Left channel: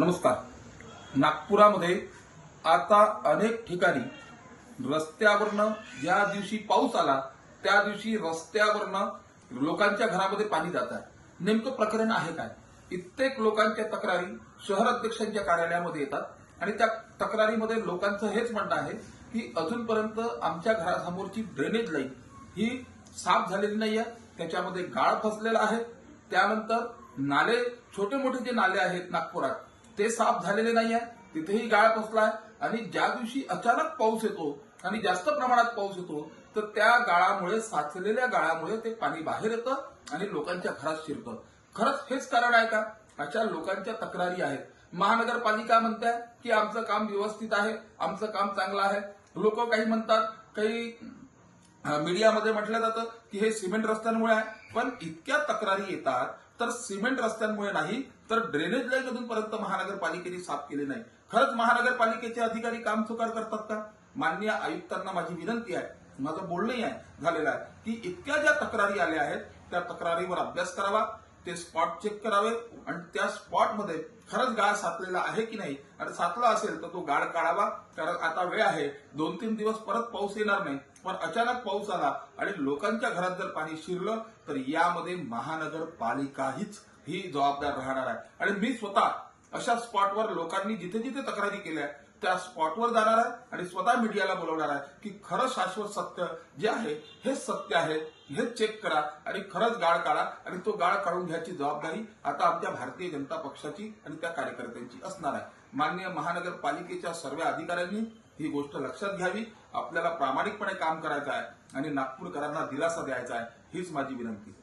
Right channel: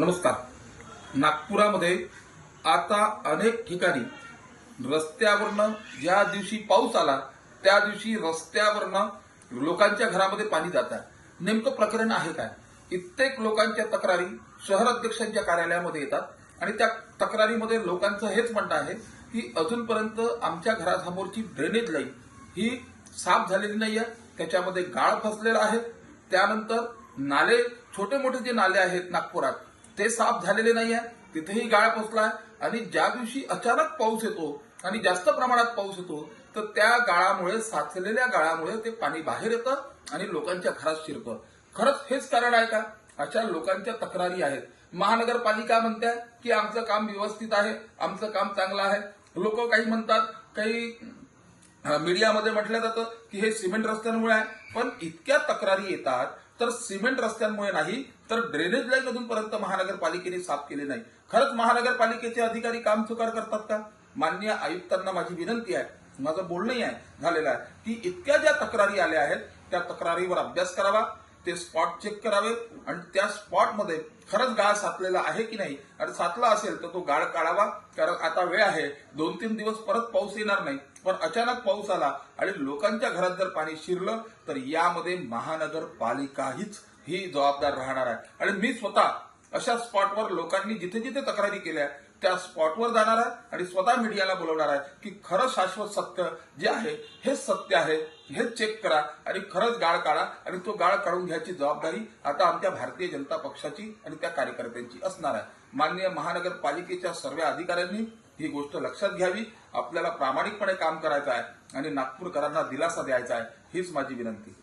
नमस्कार. नागपुरामध्ये आता अनेक ठिकाणी रस्त्यावरनं ज्या दिवशी पाऊस आला त्या दिवशी रस्त्यावरनं लोकांच्या घरामध्ये पाणी जात आहे. नेमकं प्रकरण आहे काय? कित्येक लोकांच्या तक्रारी शहर अध्यक्षांच्या कार्यालयामध्ये येतात आणि त्या तक्रारीमध्ये लोकांचं हेच म्हणणं आहे की अजूनपर्यंत आमच्या घरासमोरची ड्रेनेज लाईन ही साफ झालेली नाही आहे. त्याच्यामध्ये गाळ फसलेला आहे. त्यानंतर नाले छोटे मोठे जे नाले आहेत नागपुरात ते साफ झालेले नाही आहे तिथेही गाळ पोचला आहे आणि ज्या दिवशी अचानक पाऊस येतो आणि जास्त प्रमाणात पाऊस येतो तर त्या गाळामुळे साचलेल्या गाळामुळे ते पाणी बाहेर येतं आणि लोकांच्या घरात शिरतं. खरंच हेच कारण आहे का? अशा लोकांच्या तक्रारी आहेत. महानगरपालिका म्हणते की आमचं काम व्यवस्थित आहे आमचं काम चांगलं आहे. लोक काही म्हणतात काही मीडियामध्ये म्हटलं जातं की हे सिमेंट रस्त्यांमुळे आहे. पण इतक्या तक्रारी येतात तर सिमेंट रस्त्यांमुळे नाही तर ड्रेनेज लाईन अजूनपर्यंत महानगरपालिकेने साफ केली नाही. खरंच महानगरपालिकेचे अधिकारी काम चुकार करतात का? माननीय आयुक्तांना माझी विनंती आहे माझं बोलणंही आहे झालेलं आहे की इतक्या ज्या तक्रारी आल्या आहेत त्या तक्रारीवर अभ्यास करावा. ते स्पॉट चेक करावे आणि त्या स्पॉटमध्ये खरंच गाळ साचलेला आहे की नाही? आणि साचला असेल तर तो गाळ काढावा. कारण आता वेळ आहे. दोन तीन दिवस परत पाऊस येणार नाही. पण अचानक पाऊस आला आणि लोकांच्या घरात जर पाणी शिरलं तर यामध्ये महानगरपालिकाहीच ही जबाबदार राहणार आहे. आणि मी स्वतः अशा स्पॉटवर लोकांनी जिथे जिथे तक्रारी केल्या त्या स्पॉटवर जाणार आहे आणि स्वतः मीडियाला बोलवणार आहे की खरं शाश्वत सत्य जे आहे हे सत्य आहे हे चेक करा आणि खरंच गाळ काढा आणि तो गाळ काढून घ्यायची जबाबदारी आता आमच्या भारतीय जनता पक्षाची आणि त्या कार्यकर्त्यांची असणार आहे. माननीय महानगरपालिकेच्या सर्व अधिकाऱ्यांनी ही गोष्ट लक्षात घ्यावी. आपल्याला प्रामाणिकपणे काम करायचं आहे आणि नागपूरकरांना दिलासा द्यायचा आहे हीच माझी विनंती.